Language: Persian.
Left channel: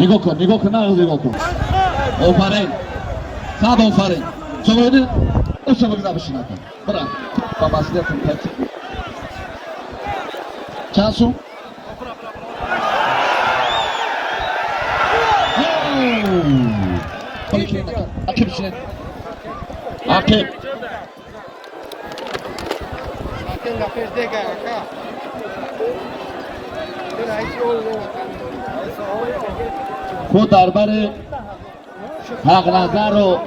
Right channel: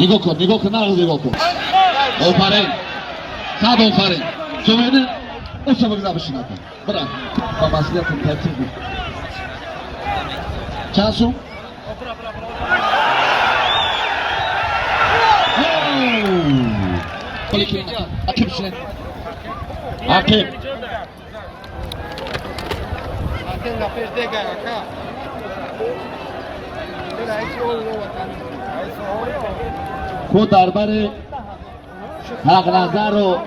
نگاه کن نگاه کن آفرین صد آفرین جمعه اوچه بگذار بشین اتا برن با مسئولیتون ترتیب بود چند شو؟ خالی که نکن عقب بشین عقب خود درباره حق نظر رو